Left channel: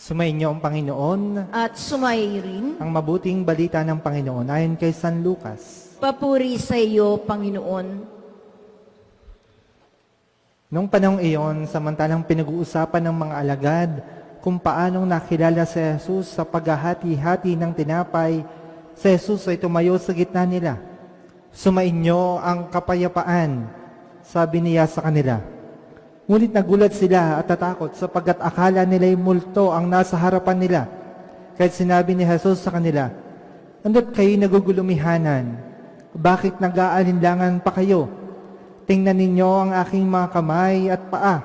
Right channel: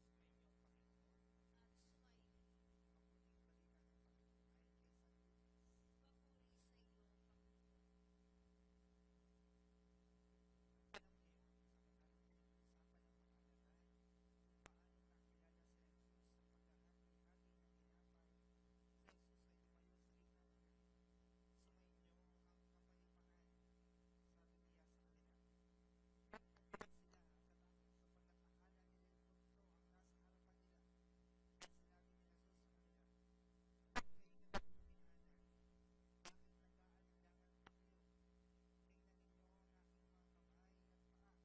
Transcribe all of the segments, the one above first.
Sumainyo ang Panginoon, At sumayi rin. ang mabuting balita ng Panginoon ayon kay San Lucas. Papuri sa iyo, Panginoon. Noong panahong iyon, samantalang pinag-uusapan ng mga alagad kung paanong nakilala si Jesus sa paghahati-hati ng tinapay, si Jesus ay tumayo sa gitna nila. Sumainyo ang kapayapaan, sabi niya sa kanila. Ngunit nagulat sila at natakot sapagkat akala nila'y multo ang nasa harapan nila. Kahit sinabi ni Jesus sa kanila, "Ando't kayo nagugulumihanan? Bakit nag-aalinlangan pa kayo? Tingnan ninyo ang aking mga kamay at paa.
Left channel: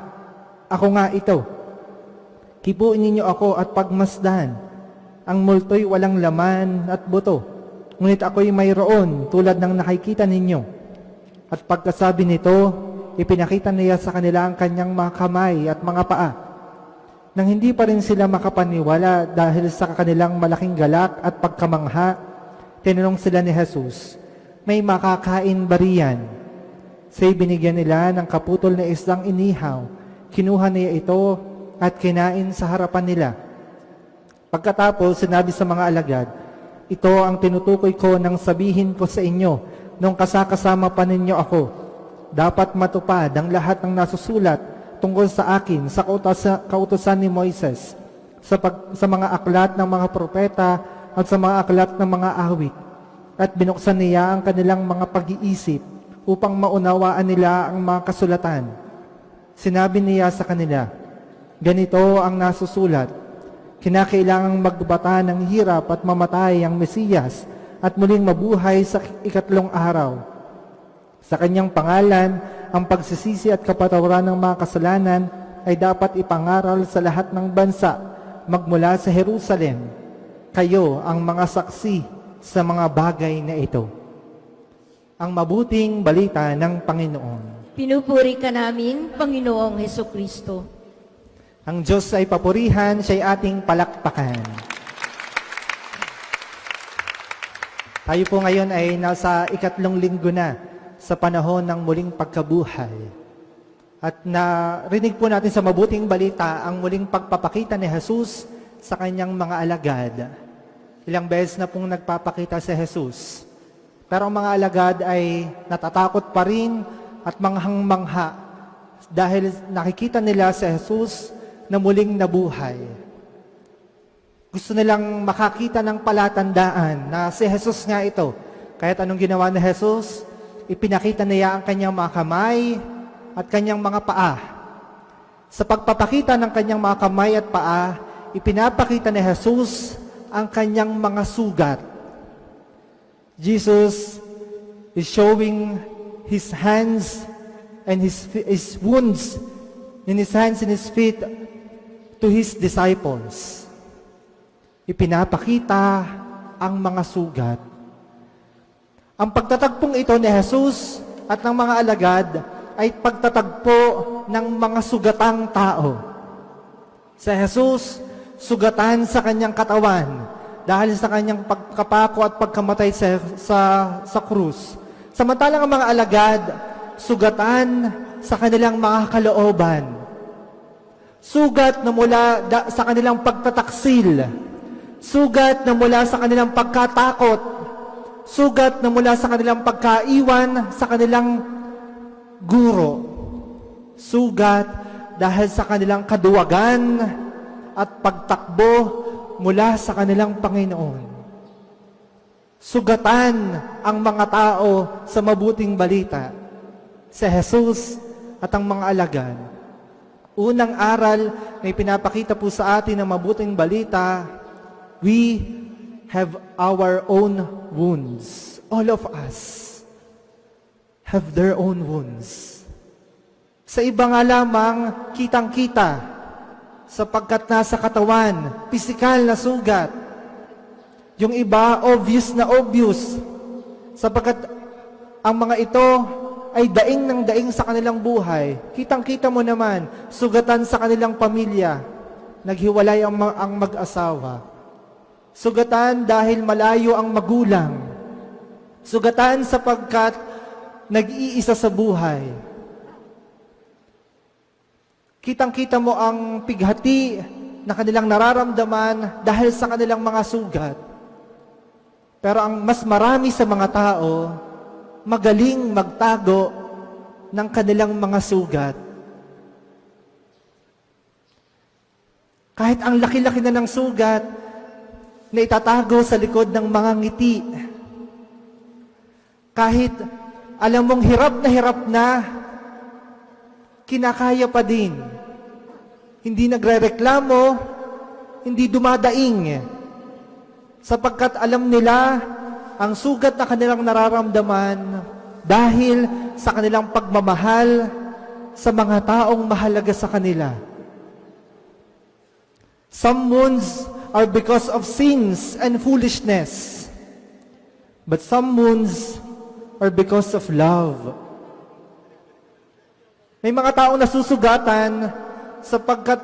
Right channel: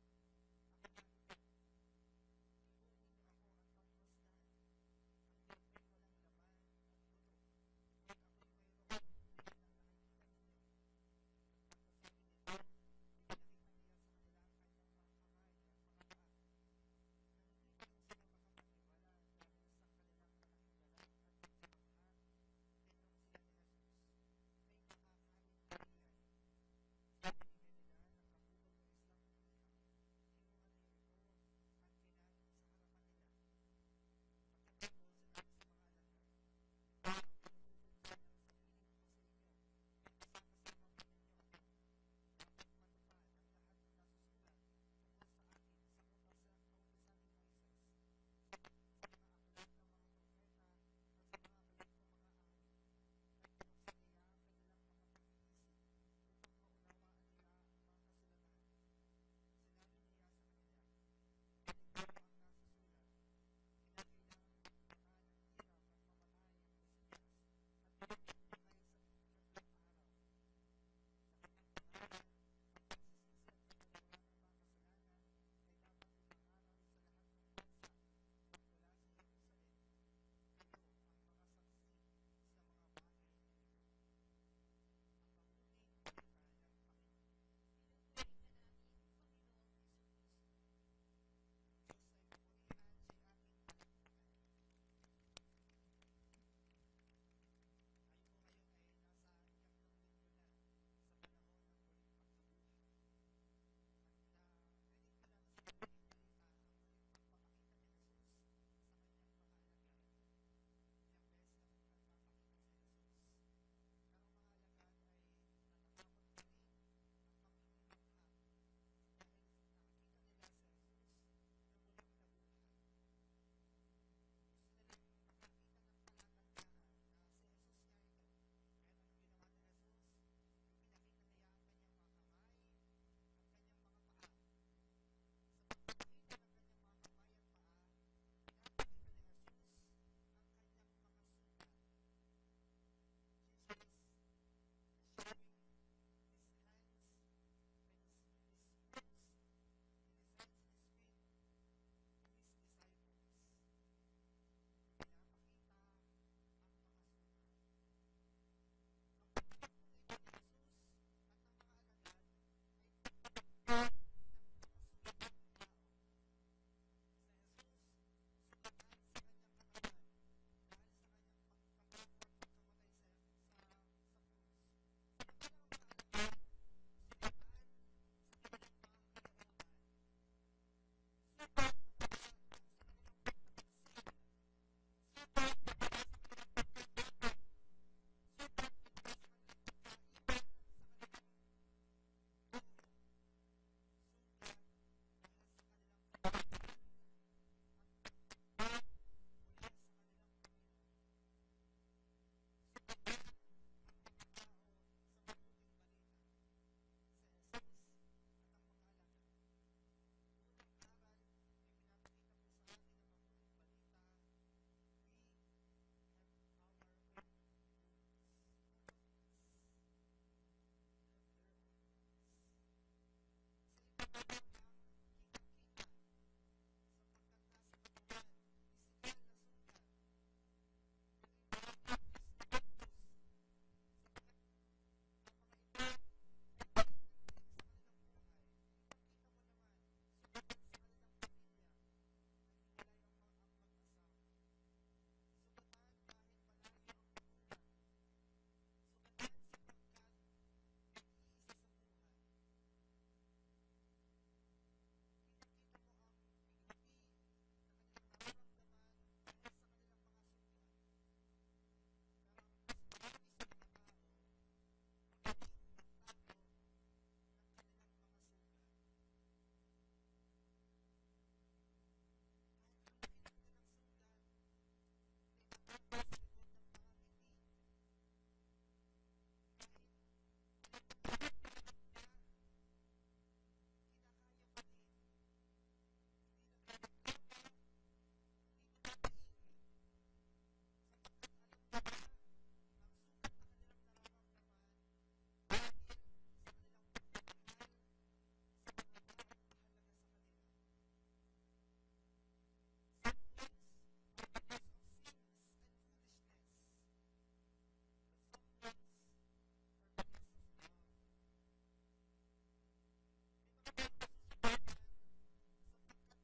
Ako nga ito. Kipuin ninyo ako at pagmasdan. Ang multo'y walang laman at buto. Ngunit ako'y mayroon tulad ng nakikita ninyo." At pagkasabi nito, ipinakita niya sa kanila ang kanyang mga kamay at mga paa. Nang hindi pa rin sila makapaniwala dahil sa kanilang malaking galak at pagkamangha, tinanong sila ni Jesus, "May makakain ba riyan?" Say binigyan nila ng kaputol na isdang inihaw. Kinuha niya ito at kinain sa harapan nila. Pagkatapos, sinabi sa mga alagad, "Ito ang tinutukoy ko nang sabihin ko sa inyo nung kasakasama pa ninyo ako. Dapat matupad ang lahat ng nasusulat tungkol sa akin sa kautusan ni Moises, sa mga aklat ng mga propeta at sa mga aklat ng mga awit." At binuksan niya ang kanilang mga pag-iisip upang maunawaan nila ang mga kasulatan. Sinabi niya sa kanila, "Ganito ang nasusulat, kinakailangang magbata ng hirap at mamatay ang Mesiyas at muling mabuhay sa ikatlong araw. Sa kanyang pangalan, ang pagsisisi at kapatawaran ng mga kasalanan ay dapat ipangaral sa lahat ng bansa magmula sa Jerusalem. Kayo ang mga saksi sa mga bagay na ito." Ang mabuting balita ng Panginoon. Pinupuri ka namin, Panginoong Hesukristo. Ang Diyos ay papurihan, siya'y ating palakpakan. Tayo po ngayon ay nasa ikatlong linggo na sa panahon ng muling pagkabuhay. At narinig po natin sa mabuting balita ang muling pagpapakita ni Jesus sa kanyang mga alagad. Ilang beses na pong nagpapakita si Jesus. Pero ang mga alagad ay natatakot pa rin at manghang-mangha dahil nakikita nila si Jesus na muling nabuhay. Gusto nilang makakita ng palatandaan na si Jesus nga ito. Kahit anong ginawa ni Jesus, ipinakita niya ang kanyang mga kamay at kanyang mga paa. Sa pagpapakita ng kanyang mga kamay at paa, ipinapakita ni Jesus ang kanyang mga sugat. Jesus is showing his hands and his wounds in his hands and his feet to his disciples. Ipinapakita ang mga sugat. Ang pagtatagpong ito ni Jesus at ng mga alagad ay pagtatagpo ng mga sugatang tao. Si Jesus, sugatan sa kanyang katawan dahil sa kanyang pagkapako at pagkamatay sa krus. Samantalang ang mga alagad, sugatan sa kanilang mga kalooban. Sugat na mula sa kanilang pagtataksil. Sugat na mula sa kanilang pagkatakot. Sugat na mula sa kanilang pagkaiwan sa kanilang guro. Sugat dahil sa kanilang kaduwagan at pagtakbo mula sa kanilang Panginoon. Sugatan ang mga tao sa mabuting balita. Si Jesus at ang mga alagad. Unang aral na ipinapakita po sa atin ng mabuting balita, we have our own wounds. All of us have their own wounds. Sa iba nga lamang, kitang-kita, sapagkat nasa katawan, pisikal na sugat. Yung iba, obvious na obvious, sapagkat ang mga ito ay daing ng daing sa kanilang buhay. Kitang-kita mo naman, sugatan sa kanilang pamilya, naghiwalay ang mag-asawa. Sugatan dahil malayo ang magulang. Sugatan sapagkat nag-iisa sa buhay. Kitang-kita mo ang pighati na kanilang nararamdaman dahil sa kanilang mga sugat. Pero ang mas marami sa mga tao, magaling magtago ng kanilang mga sugat. Kahit ang laki-laki na ng sugat na itatago sa likod ng mga ngiti. Kahit alam mong hirap na, kinakaya pa din. Hindi nagrereklamo, hindi dumadaing. Sapagkat alam nila ang sugat na kanilang nararamdaman dahil sa kanilang pagmamahal sa mga taong mahalaga sa kanila. Some wounds are because of sins and foolishness, but some wounds are because of love. May mga taong nasusugatan sapagkat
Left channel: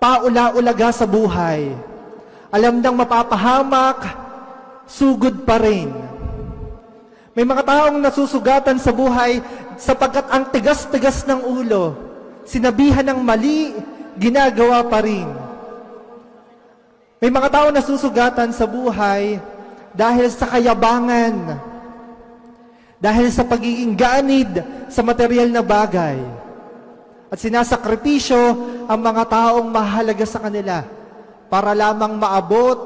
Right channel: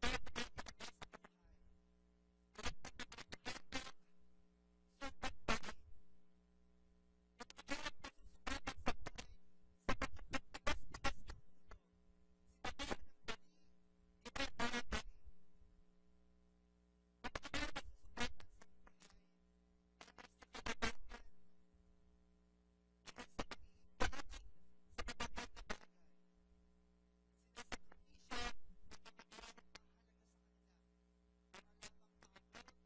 paula-ulaga sa buhay. Alam nang mapapahamak, sugod pa rin. May mga taong nasusugatan sa buhay sapagkat ang tigas-tigas ng ulo, sinabihan ng mali, ginagawa pa rin. May mga taong nasusugatan sa buhay dahil sa kayabangan, dahil sa pagiging ganid sa material na bagay, at sinasakripisyo ang mga taong mahalaga sa kanila para lamang maabot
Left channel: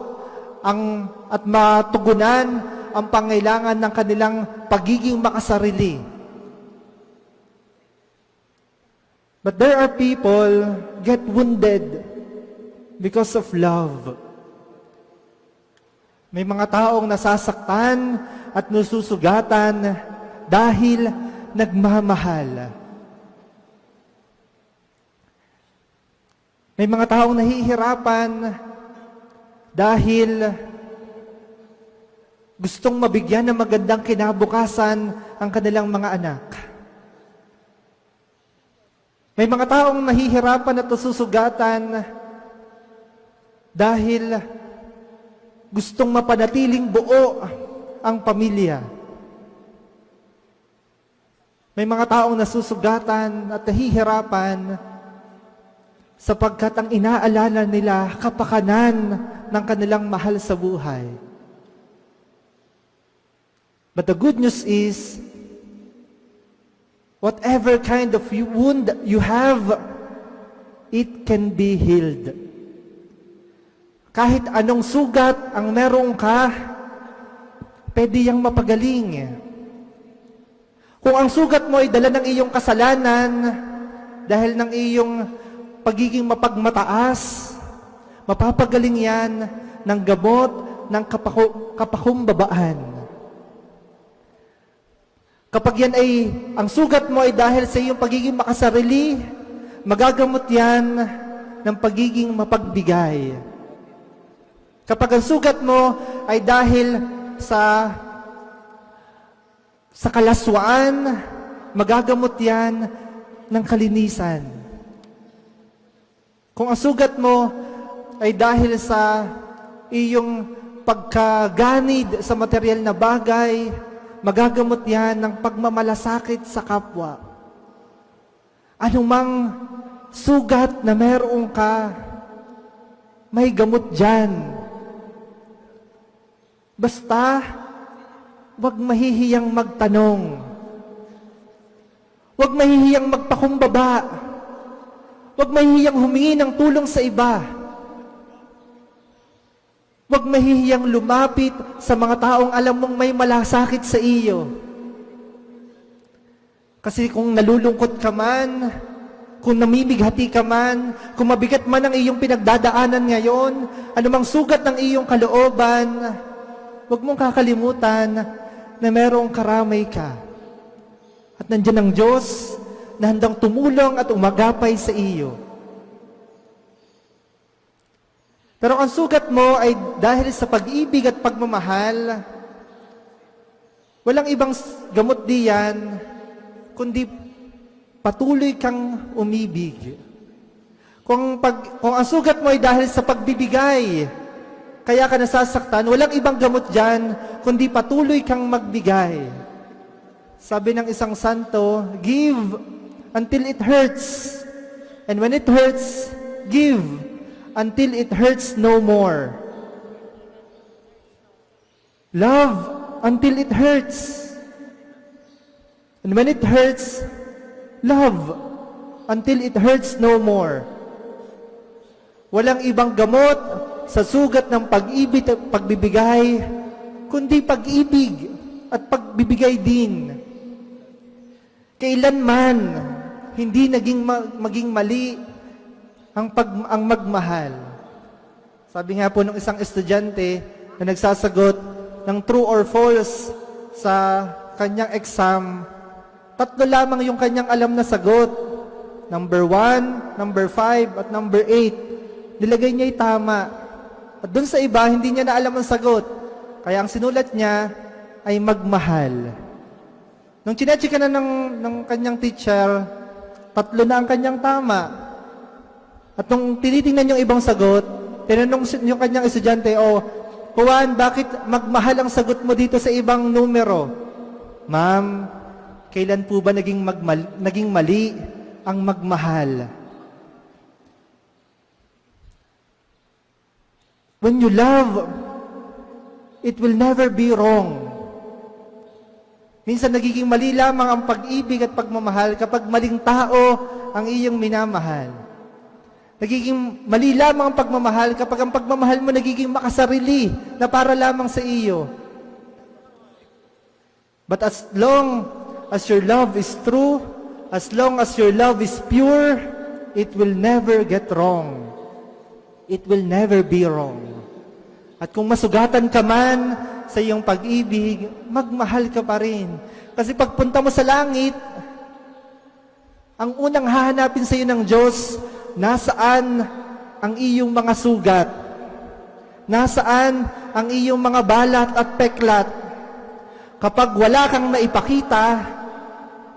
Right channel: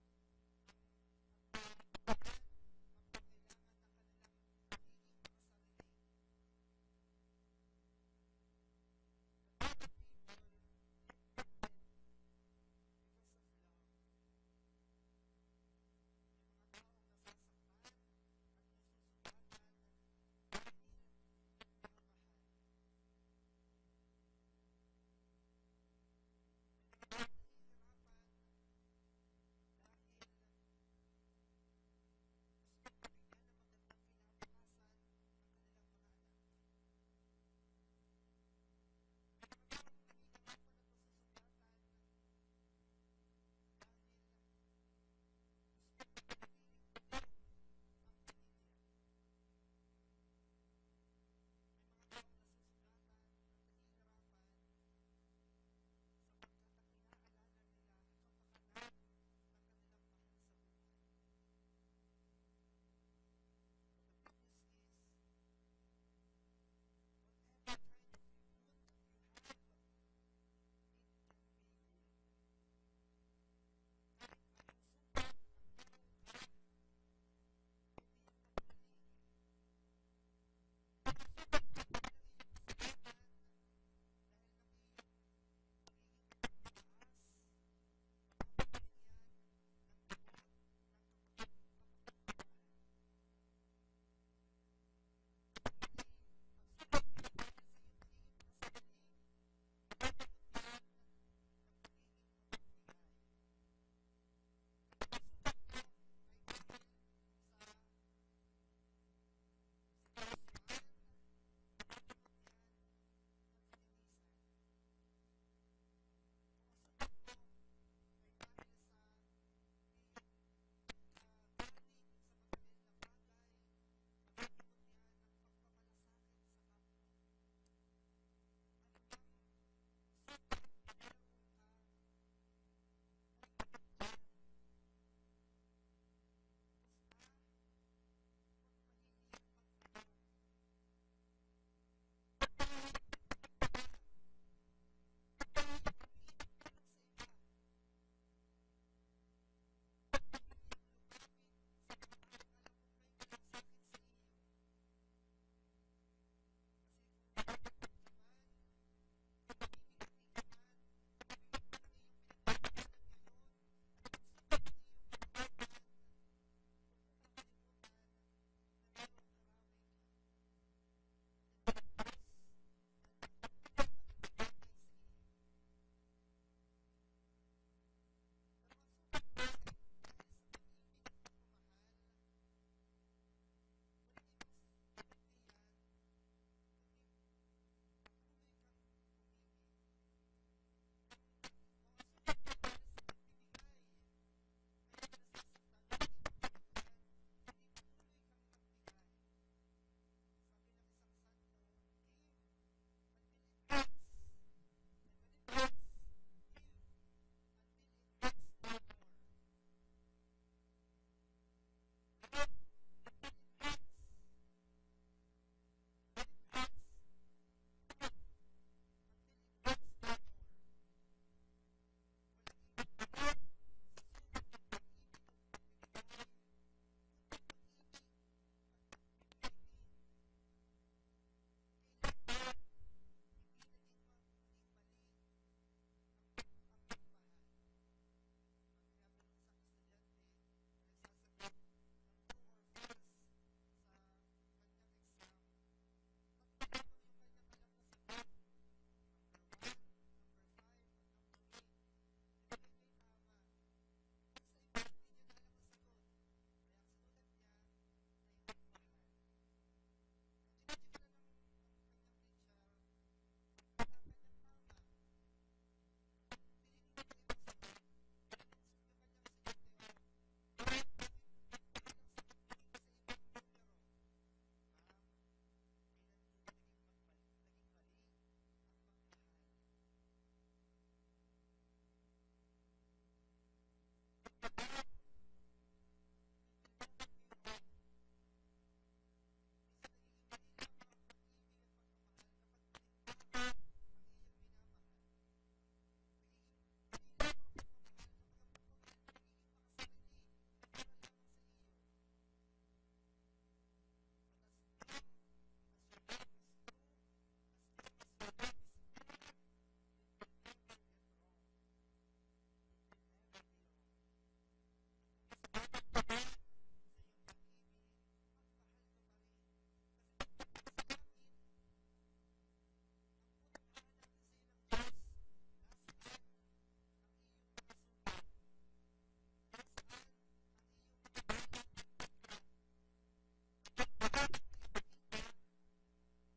at matugunan ang pangailangan ng kanilang pagiging makasarili. But there are people get wounded because of love. May mga taong nasasaktan at nasusugatan dahil nagmamahal. May mga taong nahihirapan dahil gustong mabigyan ng magandang kinabukasan ang kanilang mga anak. May mga taong nahihirapan at nasusugatan dahil gustong mapanatiling buo ang pamilya. May mga taong nasusugatan at nahihirapan sapagkat ang inaalala nila kapakanan ng kanilang mahal sa buhay. But the good news is, whatever kind of wound you have, it can be healed. Kahit anong sugat ang meron ka, pwede yang mapagaling. Kung ang sugat mo ay dala ng iyong kasalanan, dahil ng iyong pagiging mapagmataas, mapapagaling yan ng gamot ng kapakumbabaan. Kapag yan ay, ang sugat mo ay dahil sa iyong pagiging makasarili, magagamot yan ng pagiging mapagbigay. Kapag ang sugat mo ay dahil sa kalaswaan, magagamot yan ng kalinisan. Kung ang sugat mo ay dahil sa iyong pagkaganid sa material na bagay, magagamot yan ng pagmamalasakit sa kapwa. Anumang sugat na meron ka, may gamot dyan. Basta, wag mahihiyang magtanong. Wag mahihiyang magpakumbaba. Wag mahihiyang humingi ng tulong sa iba. Wag mahihiyang lumapit sa mga taong alam mong may malasakit sa iyo. Kasi kung nalulungkot ka man, kung namimighati ka man, kung mabigat man ang iyong pinagdadaanan ngayon, anumang sugat ng iyong kalooban, huwag mong kakalimutan na merong karamay ka. At nandiyan ang Diyos na handang tumulong at umagapay sa iyo. Pero ang sugat mo ay dahil sa pag-ibig at pagmamahal, walang ibang gamot diyan, kundi patuloy kang umibig. Kung ang sugat mo ay dahil sa pagbibigay, kaya ka nasasaktan, walang ibang gamot dyan, kundi patuloy kang magbigay. Sabi ng isang santo, give until it hurts. And when it hurts, give until it hurts no more. Love until it hurts. And when it hurts, love until it hurts no more. Walang ibang gamot sa sugat ng pag-ibig at pagbibigay, kundi pag-ibig at pagbibigay din. Kailanman hindi maging mali ang magmahal. Sabi nga po ng isang estudyante na nagsasagot ng true or false sa kanyang exam, 3 lamang yung kanyang alam na sagot. Number 1, number 5, at number 8. Nilagay niya yung tama. At dun sa iba, hindi niya na alam ang sagot. Kaya ang sinulat niya ay magmahal. Nung chinecheck na ng kanyang teacher, 3 na ang kanyang tama. At nung tinitingnan yung ibang sagot, tinanong yung kanyang estudyante, Juan, bakit magmahal ang sagot mo dito sa ibang numero? Ma'am, kailan po ba naging mali ang magmahal? When you love, it will never be wrong. Minsan nagiging mali lamang ang pag-ibig at pagmamahal kapag maling tao ang iyong minamahal. Nagiging mali lamang ang pagmamahal kapag ang pagmamahal mo nagiging makasarili na para lamang sa iyo. But as long as your love is true, as long as your love is pure, it will never get wrong. It will never be wrong. At kung masugatan ka man sa iyong pag-ibig, magmahal ka pa rin. Kasi pagpunta mo sa langit, ang unang hahanapin sa iyo ng Diyos, nasaan ang iyong mga sugat? Nasaan ang iyong mga balat at peklat? Kapag wala kang maipakita,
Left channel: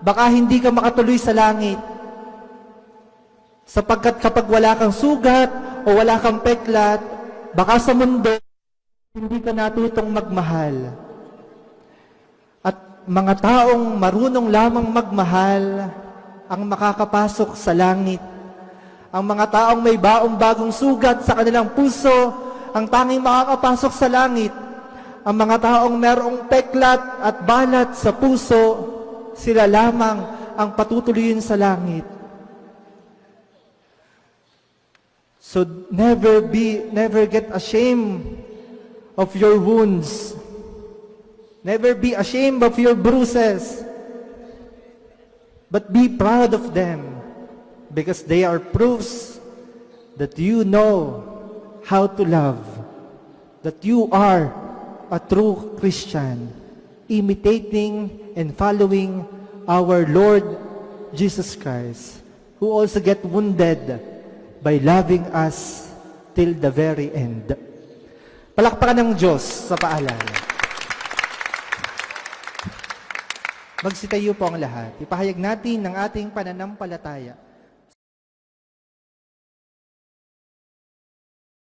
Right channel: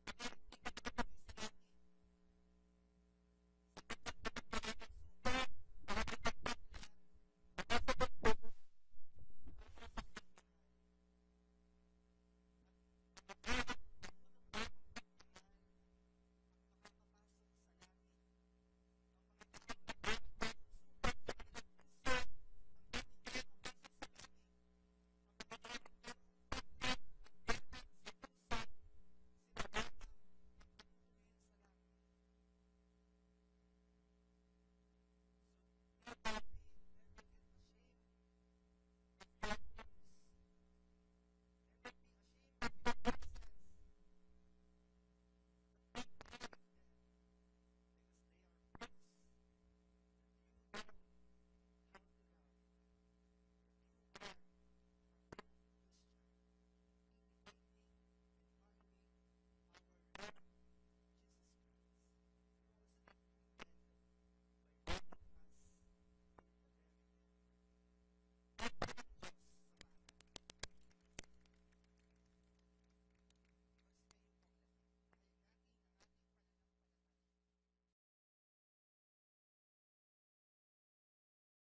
baka hindi ka makatuloy sa langit. Sapagkat kapag wala kang sugat o wala kang peklat, baka sa mundo, hindi ka natutong magmahal. At mga taong marunong lamang magmahal ang makakapasok sa langit. Ang mga taong may baong bagong sugat sa kanilang puso, ang tanging makakapasok sa langit. Ang mga taong merong peklat at balat sa puso, sila lamang ang patutuloyin sa langit. So never get ashamed of your wounds. Never be ashamed of your bruises. But be proud of them, because they are proofs that you know how to love, that you are a true Christian, imitating and following our Lord Jesus Christ, who also get wounded by loving us till the very end. Palakpakan ng Diyos sa paalala. Magsitayo po ang lahat. Ipahayag natin ng ating pananampalataya.